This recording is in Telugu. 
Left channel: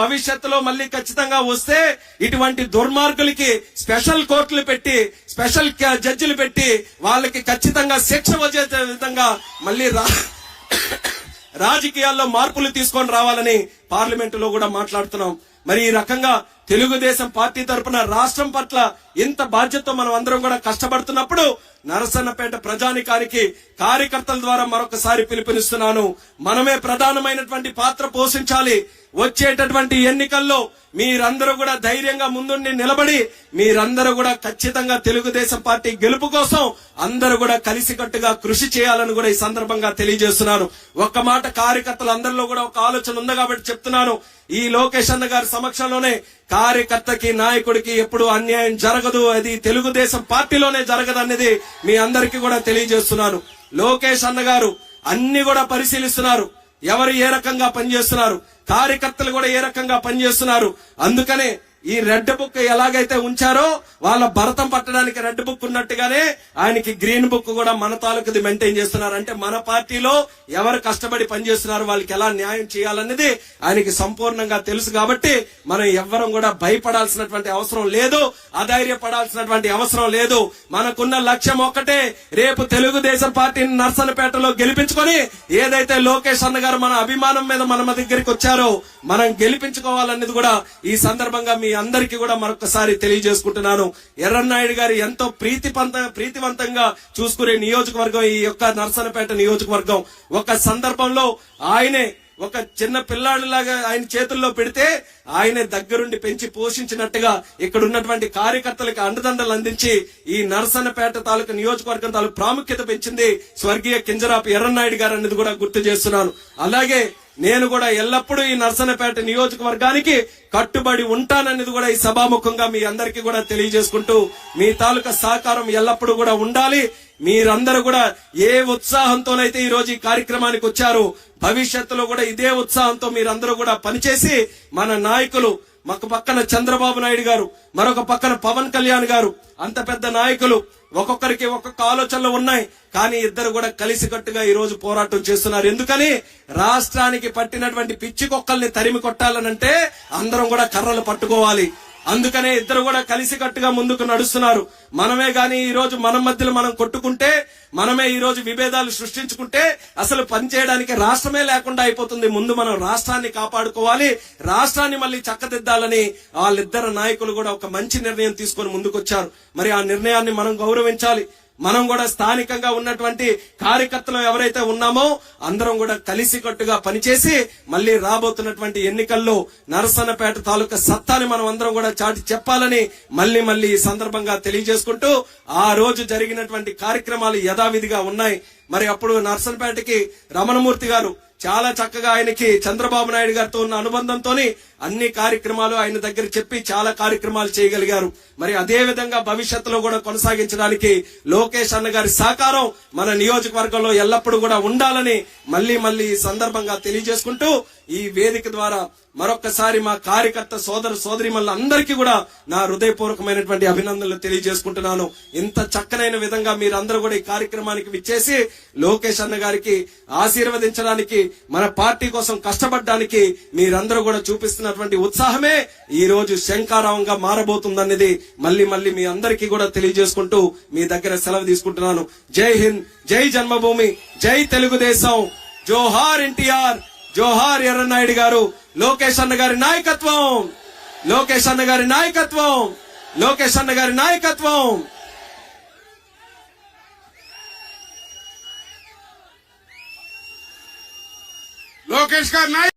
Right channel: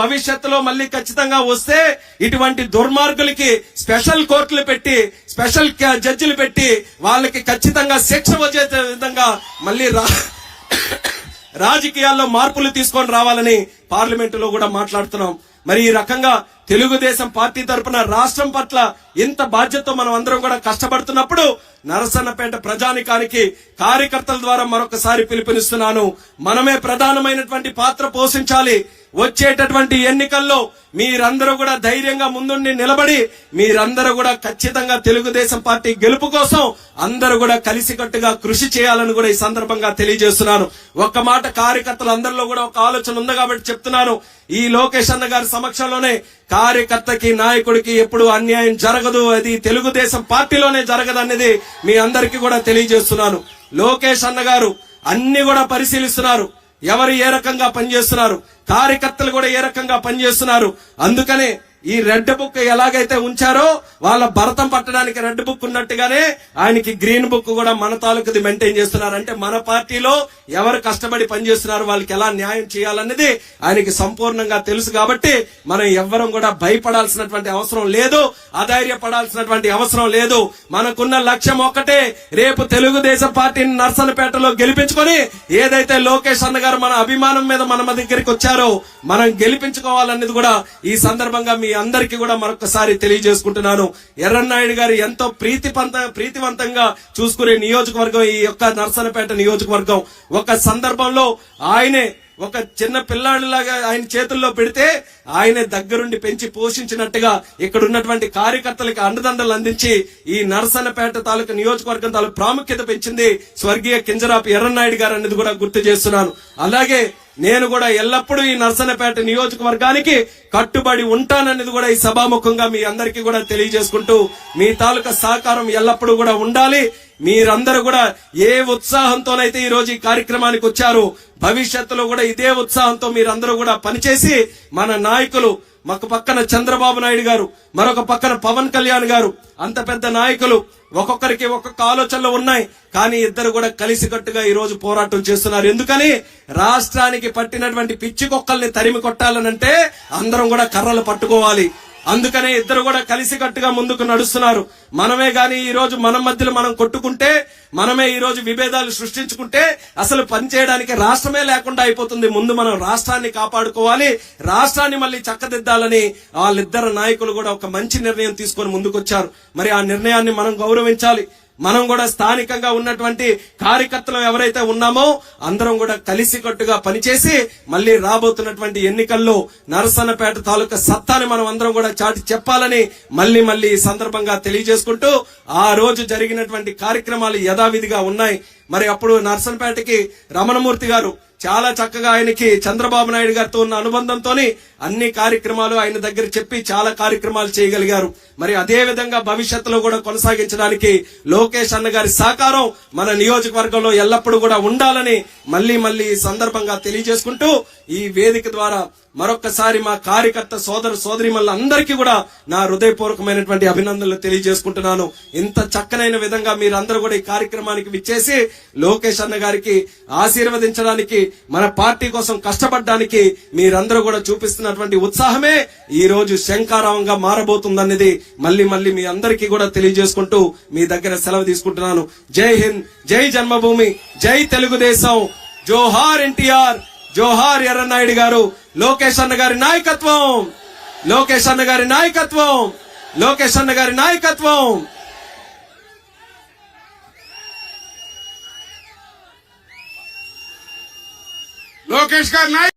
భవిష్యత్తులో మళ్ళీ ఖచ్చితంగా వస్తే ఇటువంటి దుర్మార్గులకి స్పెషల్ కోర్టులు పెట్టి స్పెషల్ జడ్జిలు పెట్టి వాళ్ళకి ఖచ్చితంగా శిక్ష వచ్చే విధంగా మళ్ళీ రాజకీయాల్లో మార్పులు తీసుకొని రావాలని పార్లమెంటులో కూడా మాట్లాడుతున్నాం. మరి ఈ రకంగా తెలుగుదేశం పార్టీ తరఫున రాష్ట్రం పట్ల ఇంత బాధ్యతతో మనం అందరం కూడా కష్టపడుతున్నప్పుడు నరసన్నపేట ప్రజానికానికి కార్యకర్తల ద్వారా మరొకసారి పిలుపునిస్తున్నాను. మనమే ప్రధానమైనటువంటి పాత్ర పోషించాలి. వచ్చేటటువంటి ఎన్నికల్లో మీరందరూ కూడా ధైర్యంగా ముందుండి నిలబడి మీరందరూ కూడా ఖచ్చితంగా తెలుగుదేశం పార్టీ గెలుపు కోసం అందరూ కూడా కలిసికట్టుగా కృషి చేయాలని కూడా ఈ సందర్భంగా తెలియజేస్తున్నాను. ఒక్క మాట కార్యకర్తలు అందరిలో కూడా ఒక ఆలోచన ఉంది కాబట్టి చెప్తున్నాను. ఈ లోకేష్ అన్న గారి సమక్షంలోనే కార్యకర్తకి నాయకుడికి ఎప్పుడు అన్యాయం జరగదు, అది తెలుగుదేశం పార్టీలోనే జరగదు అనేది మీ అందరికీ కూడా తెలియజేస్తున్నాను. లోకేష్ అన్న గారు అన్ని కూడా పరిశీలిస్తున్నారు. ఎవరు ఏ రకంగా పనిచేస్తున్నారు, కార్యకర్తలు కూడా ఏ రకంగా పనిచేస్తున్నారు. అందుకనే ఈ రెడ్ బుక్ ఎలాగైతే ఉంచారో వాళ్ళ భరతం పట్టడానికి రెడ్ బుక్ ఉన్నట్టుగానే ఆయనకి గ్రీన్ బుక్ కూడా మన తాలూకుది మెయింటైన్ చేస్తున్నారు. అంటే మన పార్టీలో ఎవరు కష్టపడి పనిచేస్తున్నారు, వాళ్ళకి ఎలా న్యాయం చేయాలనేది ఆయనకి సంపూర్ణంగా తెలుసు. కాబట్టి మనం ఎవ్వరం కూడా భయపడాల్సినటువంటి అవసరం లేదు, అధైర్యపడాల్సినటువంటి అవసరం లేదు. మనకున్న లక్ష్యం ఒక్కటే, రేపు తెలుగుదేశం పార్టీని నర్సన్నపేటలో గెలిపించుకొని ఏదైతే లోకేష్ అన్న గారు మన అభిమానం మీద మన దగ్గరికి వచ్చారో మనం గెలిపించుకోవాలనేది కూడా ఈ సందర్భంగా మీ అందరికీ కూడా మరొకసారి తెలియజేసుకుంటున్నాను. ఎర్రన్నాయుడు గారు ఎంతో ప్రీతివంతంగా చూసుకునే నియోజకవర్గం ఈ యొక్క నర్సన్నపేట నియోజకవర్గం. ఒక సందర్భంలో ఆయనే ఒక చిన్న పిల్లాడిలాగా ఆయన చేతుల్లో పెడితే ఆయనే దగ్గరుండి పెంచి పోషించినట్టుగా ఇక్కడ ఉన్నటువంటి కార్యకర్తలకు అండదండలు అందించి ఈ నరసన్నపేట తాలూకా నియోజకవర్గం తాలూకు ప్రాముఖ్యత పెంచింది స్వర్గీయ కింజరాపు ఎర్రన్నాయుడు గారు అనేది కూడా గుర్తు చేస్తున్నాను. అలాగే నేను కూడా ఎల్లప్పుడూ ఈ నరసన్నపేట నియోజకవర్గానికి కట్టుబడి ఉంటాననేది కూడా ఈ సభాముఖంగా మీ అందరికీ కూడా తెలియజేసుకుంటూ మీ తాలూకా సహకారం ఎల్లప్పుడూ కూడా ఉండాలి. మీరందరూ కూడా ఏ ఉత్సాహంతోనైతే ఈ రోజు ఈ కార్యక్రమానికి వచ్చారు, భవిష్యత్తులో కూడా ఇదే ఉత్సాహంతో మీరందరూ కూడా పనిచేసి మన నాయకులు ఒక పక్కన చంద్రబాబు నాయుడు గారు, మరొక పక్కన పవన్ కళ్యాణ్ గారు, అంత పెద్ద నాయకులు ఒక్కొక్కరికి ఒక్కొక్క ఆలోచనలు ఉన్నాయి. కానీ ఇద్దరు కూడా కలిసికట్టుగా ఈ రోజు పోరాటం చేస్తున్నారు. ఎందుకని రాష్ట్రానికి పట్టినటువంటి పిచ్చి కుక్కల్ని తరిమి కొట్టాలనంటే అందరం కూడా కర్రలు పట్టుకోవాలి. అందుకనే ఇద్దరు కూడా కలిసికట్టుగా ముందుకు నడుస్తున్నారు. మనమే గాని ఈ రోజు మన మధ్యలో మనం కొట్టుకుంటే, మనమే ఈ రోజు విభేదాలు సృష్టించుకుంటే అసలు పనిచేయడానికి రాష్ట్రమే లేకుండా అయిపోతుంది. ముందు మనం రాష్ట్రాన్ని కాపాడుకోవాలి, రాష్ట్రాన్ని మళ్ళీ చక్కదిద్దాలని వాళ్ళిద్దరు నాయకులు కూడా ఒక మంచి నిర్ణయం తీసుకొని ముందుకొచ్చారు. మరి ఆ నిర్ణయాన్ని మనం గౌరవించాలి. మనం కూడా స్థానికంగా ఉన్నటువంటి కార్యకర్తలు ఎవరైతే ఉన్నామో అందరం కూడా కలిసికట్టుగా పనిచేసి మళ్ళీ రాబోతున్నటువంటి ఎన్నికల్లో నరసన్నపేట తాలూకా సత్తాని మనం అందరం కూడా చాటి చెప్పాలని మళ్ళీ ఈ సందర్భంగా తెలియజేసుకుంటూ ఆ రోజు జరిగినటువంటి కార్యక్రమాలు యథావిధిగా ఉన్నాయి. మరి అప్పుడు నరసన్నపేటకి రమణమూర్తి గారు చాలా చక్కగా ఆయనకి చంద్రబాబు నాయుడు గారితో ఉన్న అనుబంధంతో అన్ని కార్యక్రమాలు ఆయన దగ్గర చెప్పి చాలా కార్యక్రమాలు చేయగలిగారు. మరి అదే విధంగా భవిష్యత్తులో కూడా కొనసాగించడానికి లోకేష్ అన్న గారి సహకారం మన నియోజకవర్గంలో ఎల్లప్పుడూ కూడా ఉండాలని మళ్ళీ ఈ సందర్భంగా తెలియజేసుకుంటూ ఈ వేదిక ద్వారా మరొక్కసారి మా కార్యకర్త సోదర సోదరీమణులందరికీ కూడా నా హృదయపూర్వకమైనటువంటి అభినందనలు తెలియజేసుకుంటున్నాను. ఇంత చక్కనైన విధంగా మీరందరూ కూడా ఈ కార్యక్రమానికి విచ్చేసి లోకేష్ అన్న గారికి ఆశీర్వదించడానికి, మన పార్టీ కోసం కష్టపడడానికి మీరందరూ కూడా చూపిస్తున్నటువంటి ఉత్సాహమే ఈ రోజు శంఖారావంగా మారబోతుందనేది మళ్ళీ మీ అందరికీ కూడా తెలియజేసుకుంటూ మీ దగ్గర సెలవు తీసుకుంటున్నాను. జై హింద్, జై జన్మభూమి, జై తెలుగుదేశం, జోహార్ ఎన్టీఆర్, జోహార్ ఎర్రన్నాయుడు గారు, లోకేష్ అన్న గారి నాయకత్వం, లోకేష్ అన్న గారి నాయకత్వం, లోకేష్ అన్న గారి నాయకత్వం. లోకేష్ గారి